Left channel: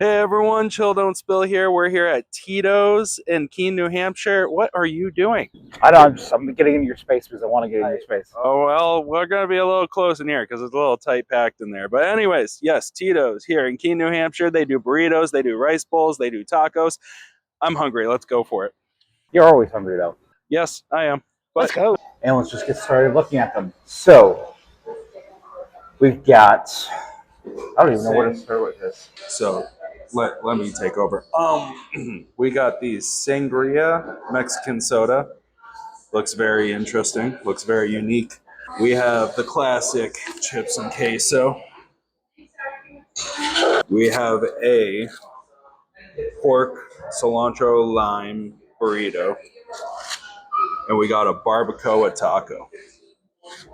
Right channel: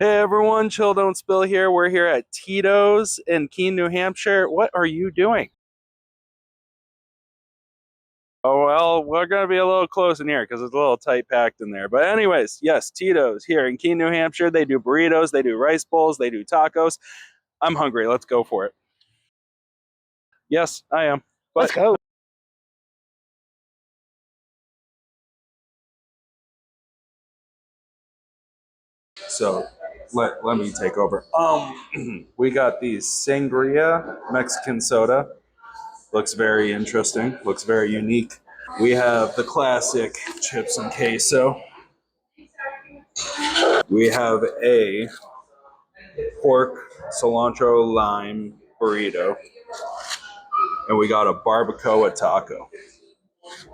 Hey everyone, Chill Don't Spill here. We're here at Tito's in Keene, New Hampshire. What are you doing? I know. I'm getting into your space because I want to get in your space. Oh, well, we're going to be a little close in here because it's a little tight packed in there. But, anyways, yes, Tito's here in Keene, New Hampshire. They do burritos, they do rice bowls, they do tacos. I'm hungry. Let's go for it. You're always hungry though. Yes, I am. Let's go. And let's just get started looking at them. So we've got. I don't even know where to start with this. So let me take over. We got the Sangria Mexican soda. Looks very interesting. Looks very unique. We have the classic chips and queso. We have a pork cilantro lime burrito. And we got a barbacoa taco.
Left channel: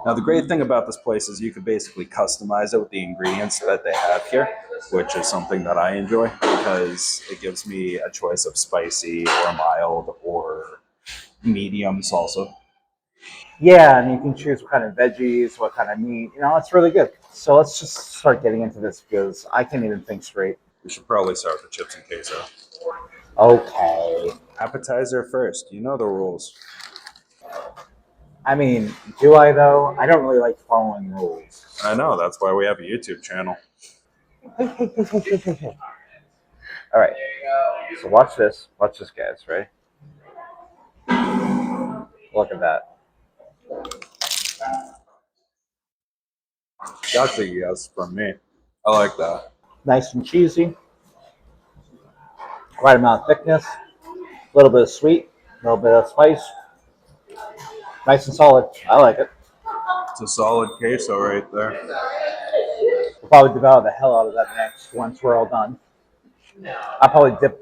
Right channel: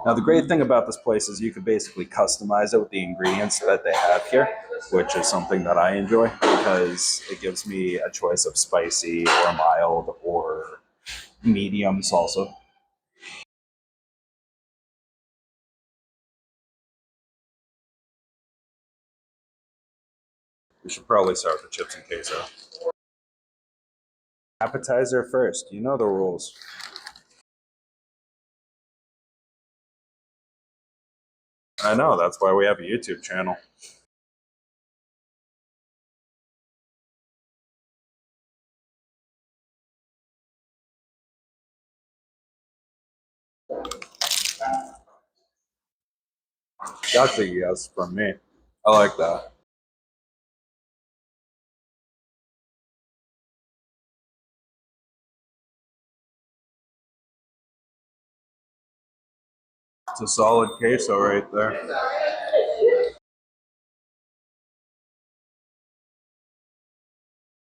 Now, the great thing about this place is you can basically customize it with the ingredients that they have here, which is something that I enjoy because it gives me a choice of spicy or mild or medium salsa. Yeah, and you can choose what kind of veggies, what kind of meat. It's really good. So let's just start getting into this because I can't even think straight. We should probably start with the chips and queso. Okay. Appetizer first. You know the rules. I mean, do I though? I don't really like following rules. I know. That's why we have a YouTube channel. Hey, hey, hey, hey, hey, hey, hey. All right. So watch this. Watch this, guys. Right? Look at that. That's a yes from me. I like that. Nice and cheesy. Right amount of thickness. A little bit of sweet. A little bit of spice. Nice and solid. I like it. It's a solid queso right there. We'll probably devour the hell out of that next once we're all done. I'll probably dip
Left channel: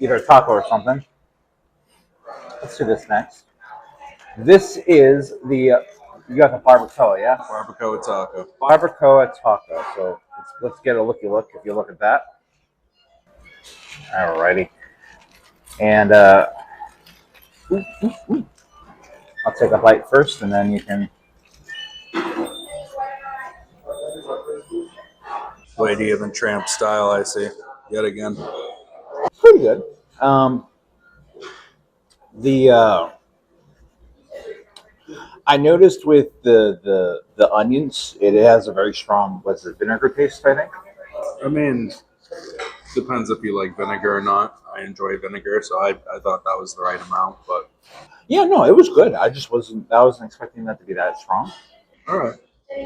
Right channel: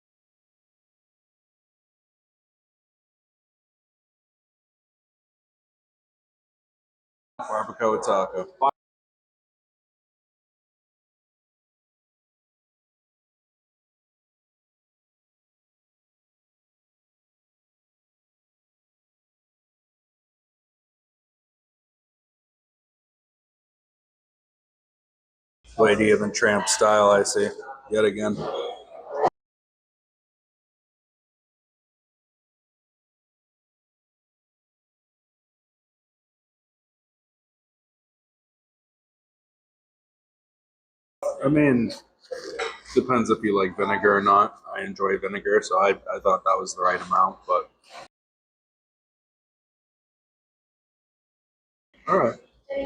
either a taco or something. Let's do this next. This is the you got the barbacoa, yeah? Barbacoa taco. Barbacoa taco. So let's get a looky look. If you look at that. Alrighty. And I'll take a bite first, and then you can. Lady of the Tramp style, I see. Yet again. Pretty good. The I noticed with the onions, it has a very strong vinegar taste. I think. I mean, depends if you like vinegar or not. I enjoy vinegar, so I thought that was the right amount. But Yeah, no, it was good. I wasn't expecting that to be that strong. all right.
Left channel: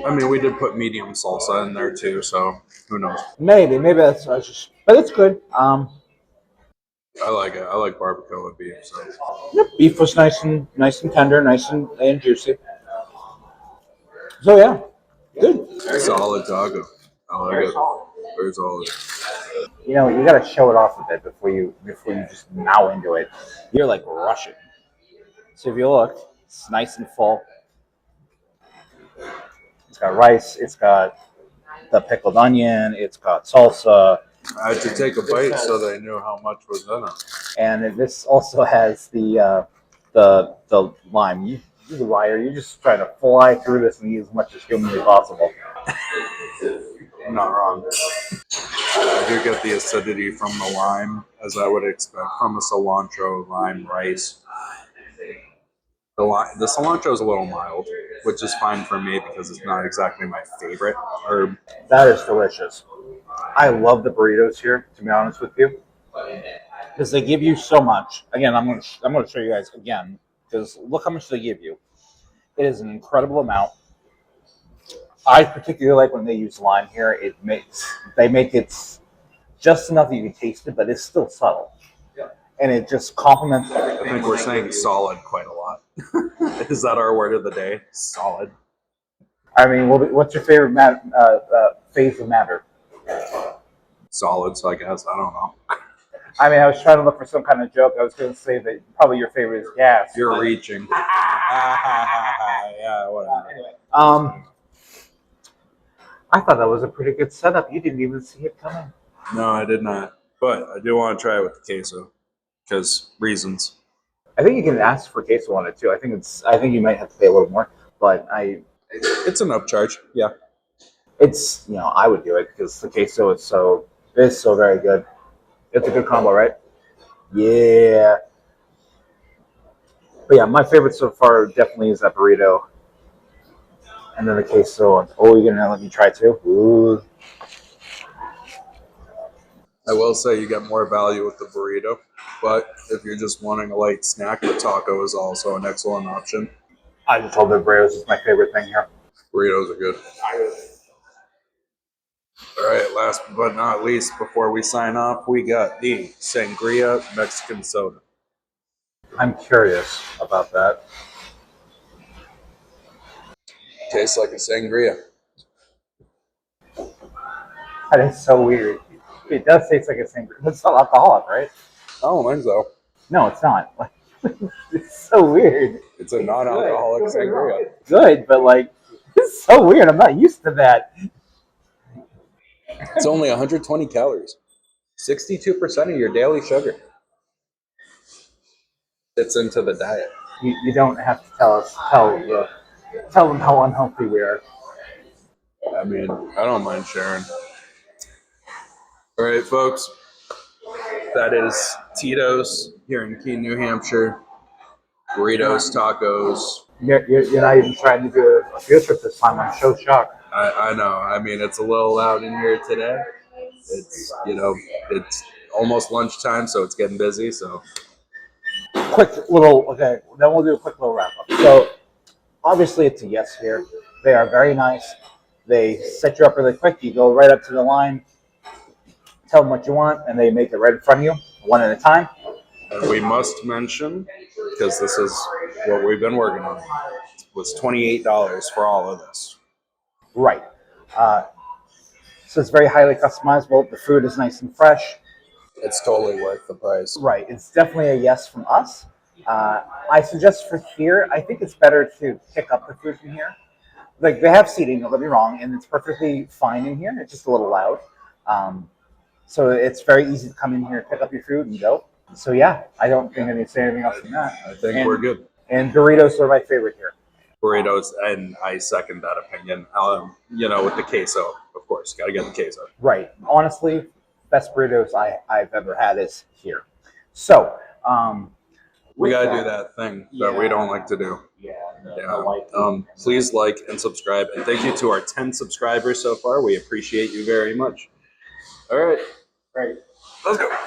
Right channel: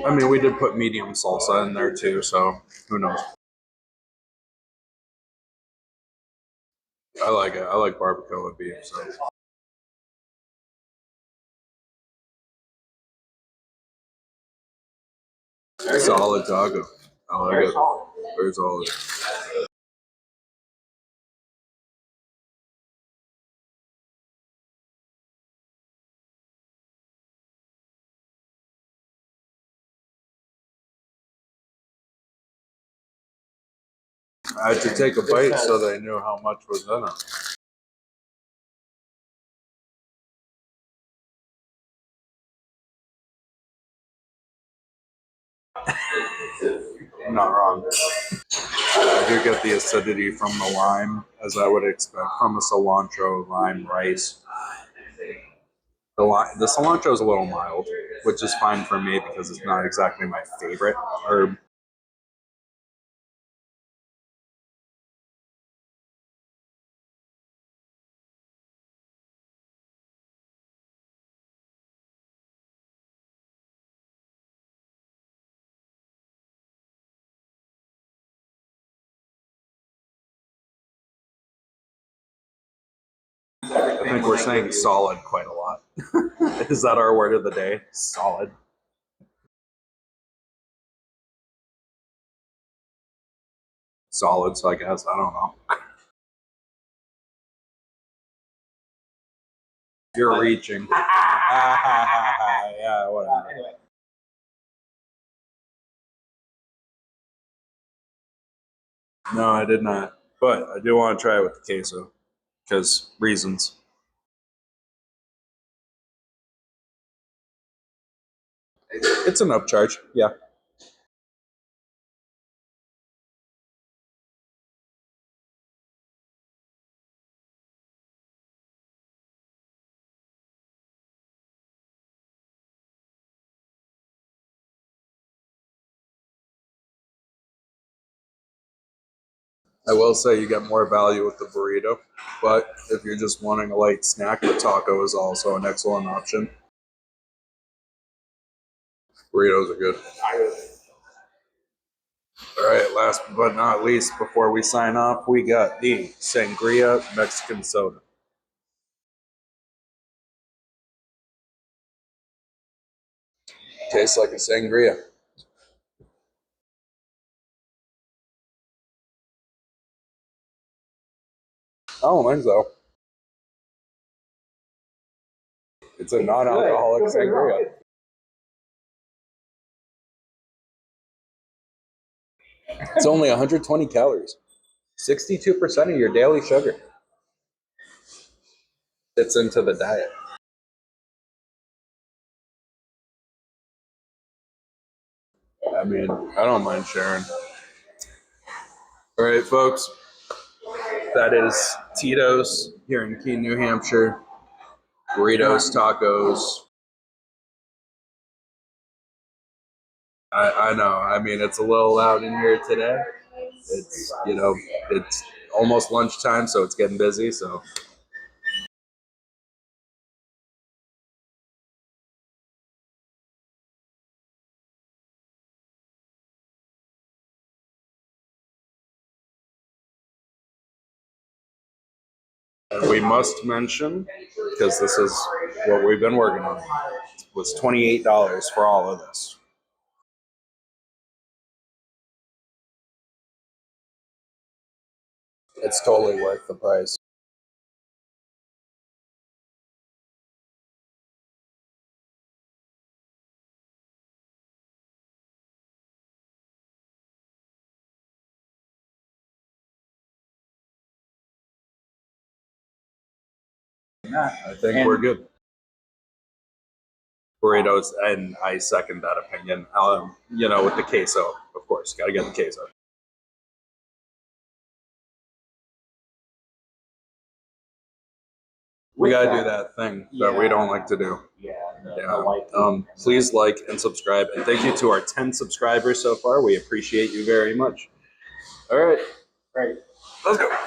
I mean, we did put medium salsa in there too, so who knows? Maybe that's just, but it's good. I like it. I like barbacoa beef. So Yep, beef was nice and tender, nice and juicy. So yeah, good. solid taco. I like Very it. solid. Very solid. You got to show it off a bit before you just mow into it. You're like rushing. So if you look, it's nice and full. It's got rice. It's got the pickled onion. It's got salsa. I had to take a bite so they knew how much was in it. And this also has the lime. You the liar. You're just trying to fly through this and eat as much as humanly possible. I'm not wrong. I do get the acidity from the lime, as I would expect from a cilantro lime rice. The cilantro is a little mild, which is fine for me because it's not exactly my favorite herb. That is delicious. I love the burritos here, to be honest with you, because they give you so much. Again, I'm gonna show you guys again because look how much they give you. It is an incredible amount. I particularly like when they use lime here. They make it just enough that you can taste it, but it's still subtle, and it just complements everything. I think we're saying solid quite a lot. Is that our word of the day? Solid. I mean, what's your favorite phase of matter? Solids, I guess. I don't know. I mean, I was trying to look for some kind of joke. I was going to say that probably your favorite is gas. You're reaching. Yeah, whatever. Anyway, I thought that was a pretty good setup. You didn't even see it coming. No, I did not. But I do want to try it with the queso because reasons. I think you can ask for queso on it too. I think you might have to pay a little more, but It's an upcharge. Yeah. I would do it because the queso is so very good. It's a good combo, right? Yeah. But yeah, my favorite so far definitely is that burrito. And then the queso. Oh, you're gonna let me try too? Ooh. I will say you get more value with the burrito, but if you're just wanting a light snack, the taco is also an excellent option. I just told the burritos is my favorite thing here. Burritos are good. All right, last but not least, before we sign off, we got the Sangria Mexican Soda. I'm curious about that. Tastes like a sangria. That is so weird. It does taste like a sangria. It's not alcoholic, right? I don't think so. No, it's not. It's so weird. It's a non-alcoholic sangria. It's good, but like, it's so weird. I'm not used to that. It's only 120 calories. 62% of your daily sugar fits into the diet. You don't have to tell them how unhealthy we are. I mean, I don't mind sharing. All right, folks. That is Tito's here in Keene, New Hampshire. Burritos, tacos. You're not even trying to do a field trip this time. I'm so shocked. I know. I mean, it's a little loud in here today. It's, it's almost lunchtime, so it's getting busy. So, Okay, then we'll do a quick little wrap up. So, obviously, it's a yes here. They are very nice. They set you up really quick. You go right up to the line, tell them what you want, and they make it right in front of you, one at a time. and we must mention, because this is what we've been working on, was $28 for all of this. Right. So it's very highly customizable. The food is nice and fresh. It's totally worth the price. Right. It's definitely a yes from us. I suggest for here, I think it's better to pick up the food from here. Like they have seating, don't get me wrong, and it's perfectly fine in here. It's just a little loud. So it's very easy to come in here, pick up your food, and go. So yeah, I don't think I need to say anything else than that. I think we're good. And burritos are my favorite here. Burritos, and I second that opinion. With the queso, of course, got to get the queso. Right. Honestly, best burritos I've ever had is here. So, we got to do that thing that we don't like to do. Please like and subscribe. And thank you to our 10 subscribers so far. We appreciate you very much. All right. Right. Let's go.